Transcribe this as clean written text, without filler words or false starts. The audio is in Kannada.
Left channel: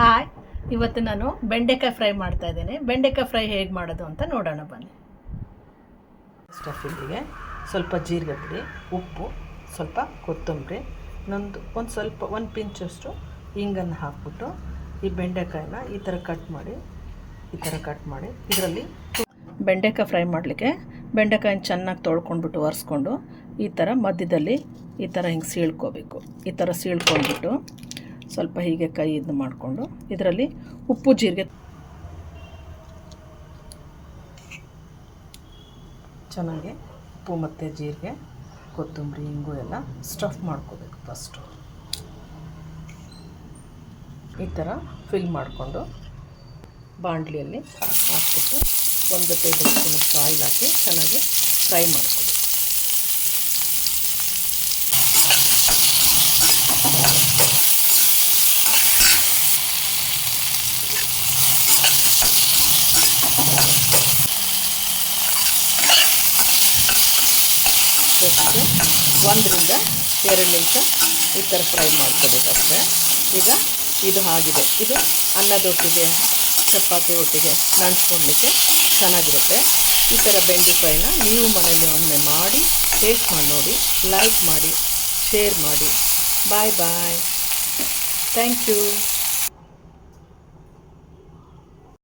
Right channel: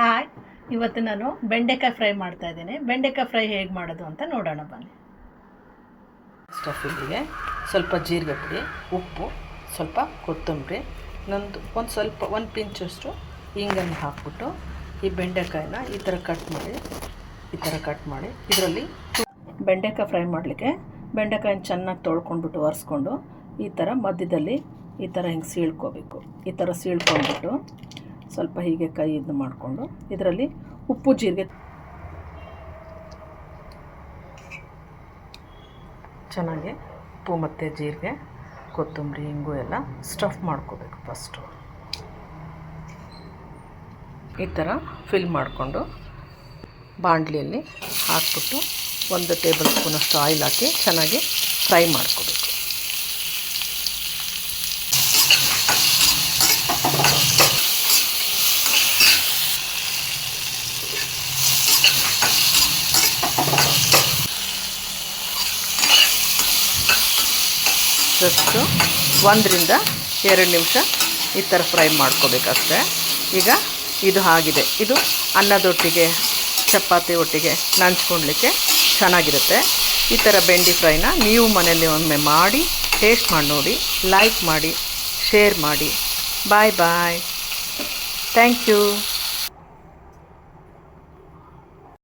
ಹಾಯ್, ಇವತ್ತು ನಾನು ಬೆಂಡೆಕಾಯಿ ಫ್ರೈ ಮಾಡ್ತಾ ಇದ್ದೇನೆ. ಬೆಂಡೆಕಾಯಿ ಫ್ರೈ ಹೇಗೆ ಮಾಡೋದು ಅಂತ ನೋಡೋಣ ಬನ್ನಿ. ಸ್ಟಫಿಂಗಿಗೆ ಸ್ವಲ್ಪ ಜೀರಿಗೆ ಪುಡಿ, ಉಪ್ಪು, ಸ್ವಲ್ಪ ಕೊತ್ತಂಬರಿ, ಒಂದು ಪಿಂಚಷ್ಟು ಹಿಂಗನ್ನು ಹಾಕ್ಬಿಟ್ಟು ಈ ಬೆಂಡೆಕಾಯಿನ ಈ ಥರ ಕಟ್ ಮಾಡಿ ಇದರಲ್ಲಿ ಬೆಂಡೆಕಾಯಿ ಫ್ರೈ ಮಾಡಲಿಕ್ಕೆ ಬೆಂಡೆಕಾಯಿನ ಚೆನ್ನಾಗಿ ತೊಳ್ಕೊಂಡ್ಬಿಟ್ಟು ಒರೆಸ್ಕೊಂಡು ಈ ಥರ ಮಧ್ಯದಲ್ಲಿ ಈ ಥರ ಹಿಂಗೆ ಸೀಳ್ಕೋಬೇಕು. ಈ ಥರ ಸೀಳ್ಕೊಂಡ್ಬಿಟ್ಟು ಸ್ವಲ್ಪ ಹೀಗೆ ಕೈ ಇದು ಮಾಡಿಕೊಂಡು ಇದರಲ್ಲಿ ಉಪ್ಪು ಜೀರಿಗೆ ಚೆನ್ನಾಗಿ ಉಪ್ಪು ಮತ್ತು ಜೀರಿಗೆ, ಕೊತ್ತಂಬರಿ, ಹಿಂಗು ಎಲ್ಲ ಸ್ಟಫ್ ಮಾಡ್ಕೋಬೇಕು. ಫಸ್ಟು ಈ ಥರ ಫಿಲ್ ಮಾಡಿಕೊಂಡು ಬಾಣಲಿಯಲ್ಲಿ ಹಾಕ್ಬಿಟ್ಟು 1 ಟೇಬಲ್ ಸ್ಪೂನಷ್ಟು ಆಯಿಲ್ ಹಾಕಿ ಚೆನ್ನಾಗಿ ಫ್ರೈ ಮಾಡ್ಕೋಬೇಕು. ಜಸ್ಟ್ 1 ರಿಂದ 2 ನಿಮಿಷ ಈ ಥರ ಫ್ರೈ ಮಾಡ್ಕೋಬೇಕಷ್ಟೆ. ಈಗ ಇದು ಆಗಿದೆ. ಇದು ಅನ್ನದೊಟ್ಟಿಗೆ, ಚಪಾತಿ ಒಟ್ಟಿಗೆ ನಂಚ್ಕೊಳ್ಲಿಕ್ಕೆ ಚೆನ್ನಾಗಿರುತ್ತೆ. ಈ ಥರ ಬೆಂಡಿ ಫ್ರೈನ ನೀವು ಮನೆಯಲ್ಲಿ ಒಮ್ಮೆ ಮಾಡಿ ಟೇಸ್ಟ್ ಮಾಡಿ ನೋಡಿ, ಲೈಕ್ ಮಾಡಿ, ಶೇರ್ ಮಾಡಿ. Bye bye. Thank you.